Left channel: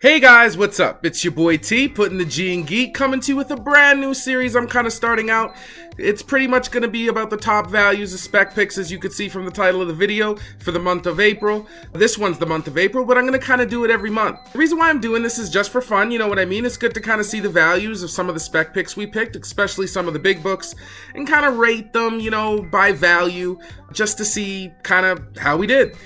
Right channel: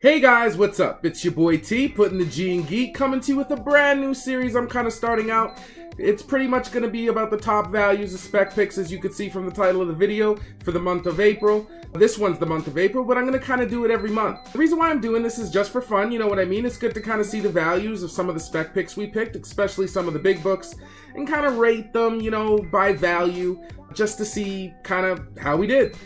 Hey guys, what's up? It's your boy T, putting the G in Geek, coming to you with a brand new series I'm kind of starting out. It's pretty much going to be about the top values of spec picks, as you could see from the title of the video, for the month of April. This one's the month of April, but I'm going to kind of do it every month. The reason why I'm doing this is just for fun, you know what I mean? It's good to kind of see the values of some of the spec picks we picked, especially some of the big books, and kind of rate them, you know, by value, just to see kind of how we did.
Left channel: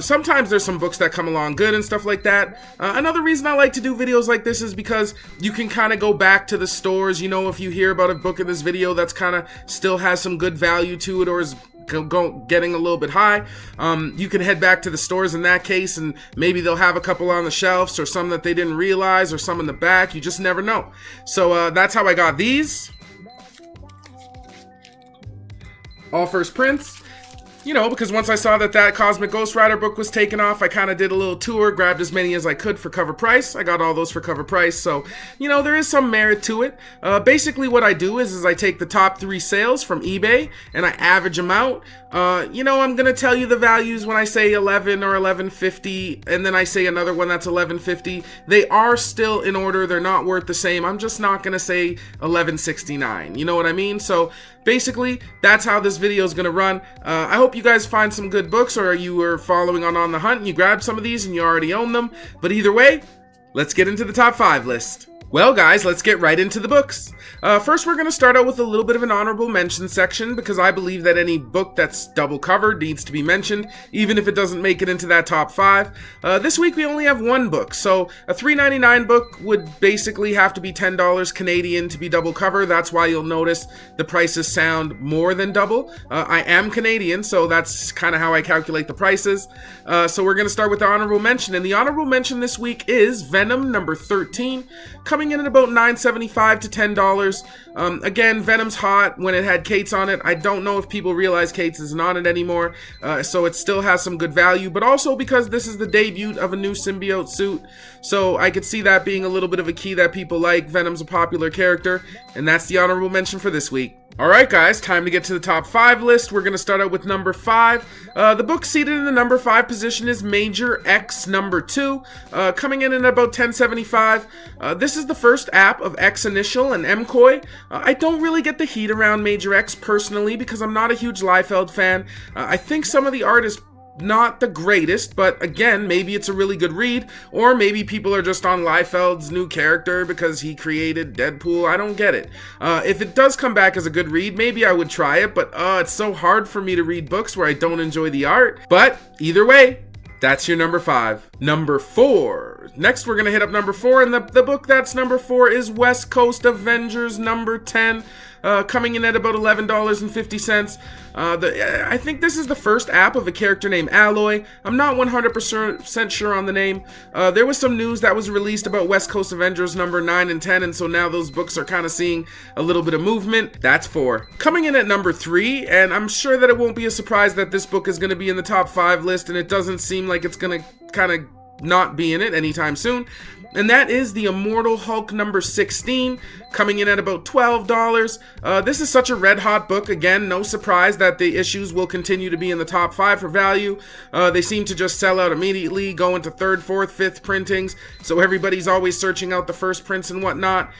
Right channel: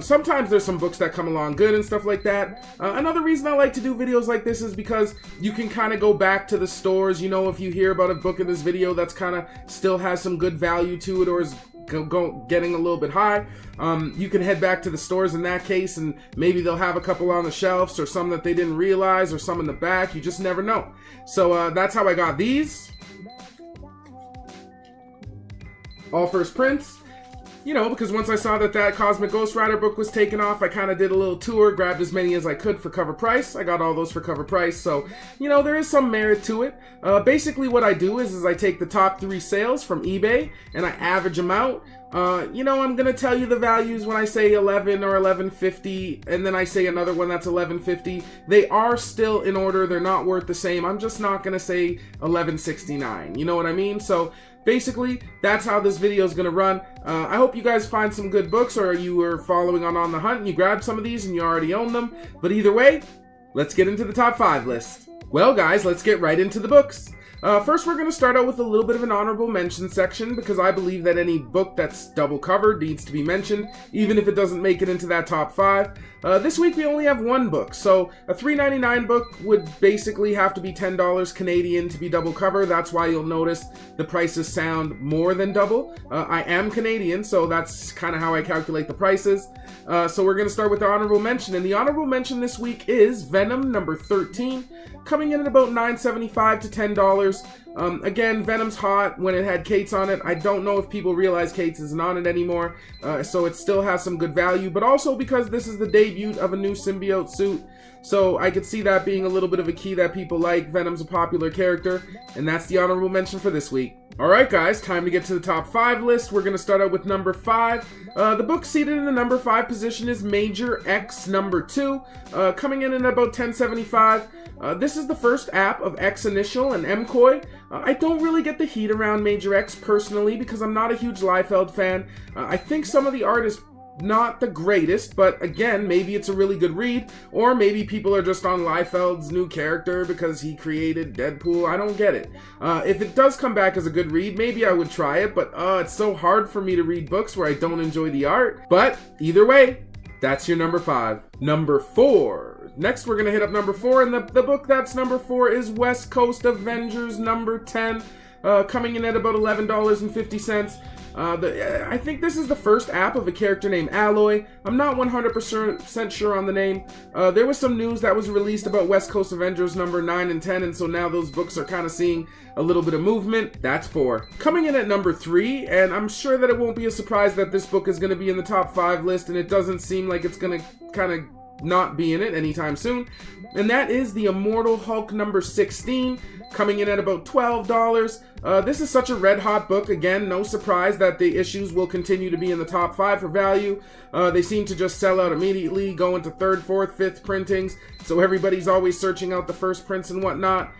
Sometimes there's some books that come along good and stuff like that. Another reason I like to do videos like this is because you can kind of go back to the stores, you know, if you hear about a book in this video that's kind of still has some good value to it or is getting a little bit high, you can head back to the stores in that case and maybe they'll have a couple on the shelves or some that they didn't realize or some in the back. You just never know. So that's how I got these. All first prints. You know, because once I saw that Cosmic Ghost Rider book was taken off, I kind of did a little tour, grabbed as many as I could for cover price. I got all those for cover price, so, you know, there is some merit to it. Basically what I do is I take the top 3 sales from eBay and I average them out. You know, I'm going to tell you the values when I say 11 or 1150, and then I say another one that's 1150. They are still in order. They're not worth the same. I'm just not going to say 1169. You know what I mean? So basically, that's how this video is going to run. I hope you guys find some good books, or you were following on the hunt and you grabbed some of these and you already own them. But either way, let's get into the top 5 list. Well guys, let's get right into the books. First, we're going to start out with a little bit of an honorable mention section, because I believe that any book that's double covered needs to be mentioned, even if it doesn't make it into that top 5. This week we only have one book, so a $3.99 book would basically have to be $10 Canadian to be double cover. That's why you'll notice the prices sound more than double. I am Canadian, so that's kind of how I calculate the prices. So we're going to start with the honorable mention, and the honorable mention this week is Venom number 13, coming in at about $9.75 to $10. Again, Venom's hot when it had Kate's on it. I don't know if people realize Kate's isn't on it anymore, so it still has some good value, but also because this is the debut of a new symbiote suit, so I could see that being a little bit of a key that people like. Venom's a popular character, and that's the honorable mention for this week. Alright guys, time to get to the top 5 list. We're going to start out with number 5. The book seated in the number 5 position is Major X number 2, coming in at about $10.75. This is the first app of X Initial and MCOY. I don't really get the heat around Major X personally because I'm not a huge Liefeld fan. I think some of the art is not the greatest, but again, maybe it's a really good read, or maybe people are just on Liefeld's new character because he created Deadpool. I don't get it. If it does come back as a good read, maybe I would try it, but it's so hard for me to read books where I don't enjoy the art. But either way, that's your number 5. Number 4. Next, we're gonna hit up number 4, and the book that's number 4 is West Coast Avengers number 10. Coming in at about $11.50. I think this is the first app of a character named Alloy. I'm not 100% sure on the name. There was some news that was released about West Coast Avengers number 9 and 10, and so now those books are kind of seeing a little bit of movement. That's 4. Coming in at number 3, and I'm sure that it won't be a surprise that this book is going to be in the top 5 list, and it doesn't seem like it's going to kind of not be in it anytime soon, and that is the Immortal Hulk number 16, coming in at about $12. This is such a red hot book. Again, no surprise that the issues will continue to be in the top 5 for value. They seem to just sell out immediately, go into 3rd, 4th, 5th printings, so everybody's always searching out the first prints and whatnot.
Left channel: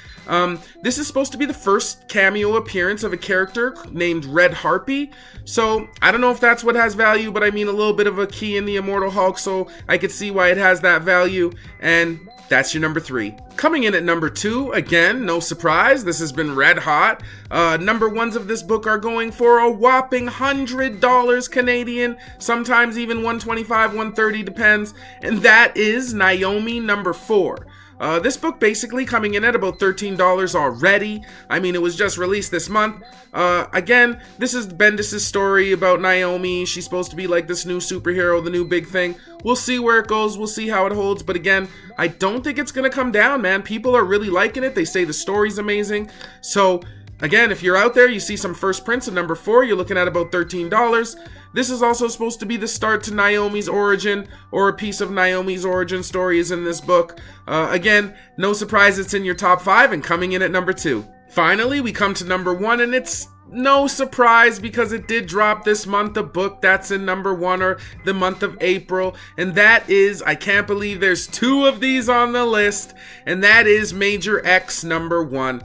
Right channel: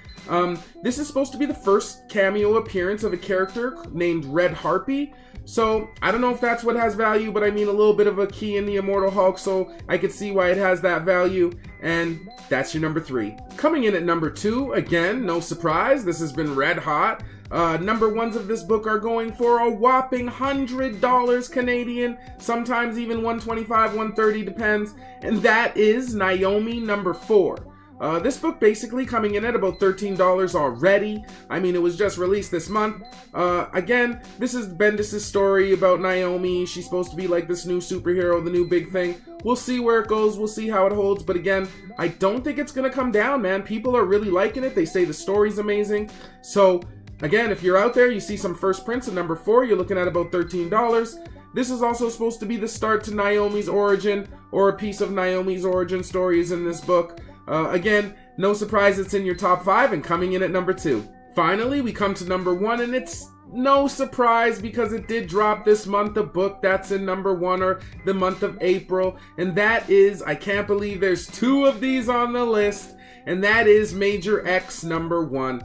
This is supposed to be the first cameo appearance of a character named Red Harpy, so I don't know if that's what has value, but I mean a little bit of a key in the Immortal Hulk, so I could see why it has that value, and that's your number 3. Coming in at number 2, again, no surprise, this has been red hot. Number 1s of this book are going for a whopping $100 Canadian, sometimes even $125, $130, depends, and that is Naomi number 4. This book basically coming in at about $13 already. I mean, it was just released this month. Again, this is Bendis' story about Naomi. She's supposed to be like this new superhero, the new big thing. We'll see where it goes. We'll see how it holds. But again, I don't think it's going to come down, man. People are really liking it. They say the story's amazing. So again, if you're out there, you see some first prints of number 4, you're looking at about $13. This is also supposed to be the start to Naomi's origin, or a piece of Naomi's origin story is in this book. Again, no surprise it's in your top 5 and coming in at number 2. Finally, we come to number 1, and it's no surprise because it did drop this month, a book that's in number 1, or the month of April, and that is, I can't believe there's 2 of these on the list, and that is Major X number 1.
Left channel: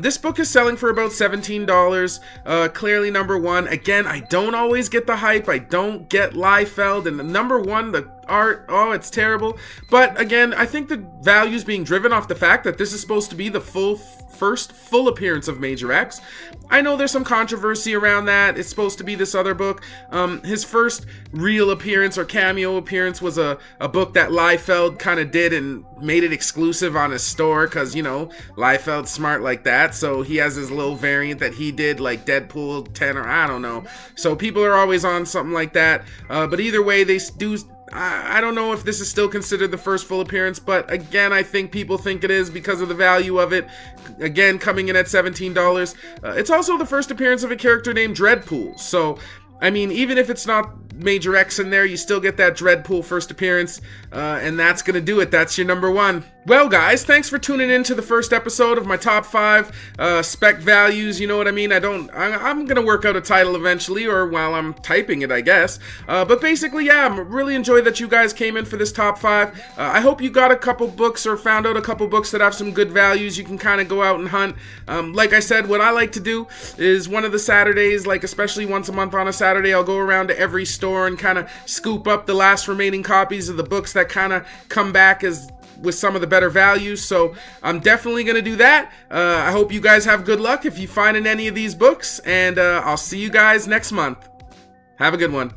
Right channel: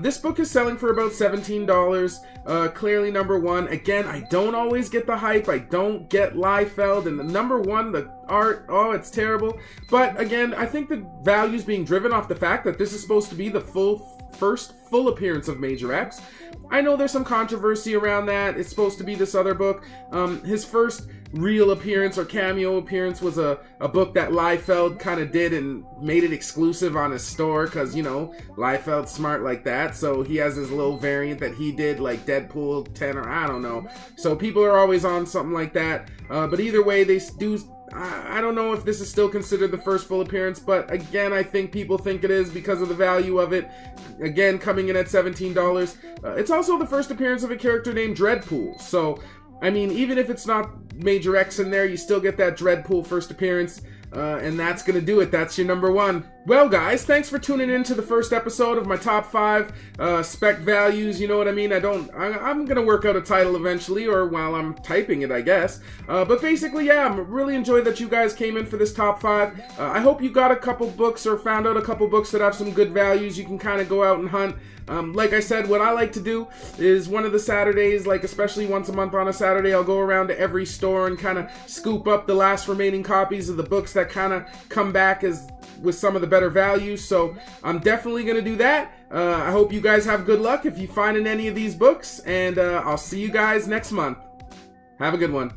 This book is selling for about $17, clearly number 1. Again, I don't always get the hype, I don't get Liefeld, and the number 1, the art, oh, it's terrible. But again, I think the value is being driven off the fact that this is supposed to be the first full appearance of Major X. I know there's some controversy around that. It's supposed to be this other book. His first real appearance or cameo appearance was a book that Liefeld kind of did and made it exclusive on his store because, you know, Liefeld's smart like that. So he has his little variant that he did, like Deadpool 10 or I don't know. So people are always on something like that. But either way, they do... I don't know if this is still considered the first full appearance, but again, I think people think it is because of the value of it. Again, coming in at $17. It's also the first appearance of a character named Dreadpool. So, I mean, even if it's not Major X in there, you still get that Dreadpool first appearance, and that's gonna do it. That's your number 1. Well, guys, thanks for tuning in to the first episode of my top 5 spec values. You know what I mean? I'm gonna work out a title eventually, or while I'm typing it, I guess. But basically, yeah, I'm really enjoyed that you guys came in for this top 5. I hope you got a couple books or found out a couple books that have some good values. You can kind of go out and hunt. Like I said, what I like to do is one of the Saturdays, like especially once a month on a Saturday, I'll go around to every store and kind of scoop up the last remaining copies of the books that kind of come back as with some of the better values. So I'm definitely going to do that. I hope you guys have good luck if you find in any of these books, and I'll see you guys next month. Have a good one.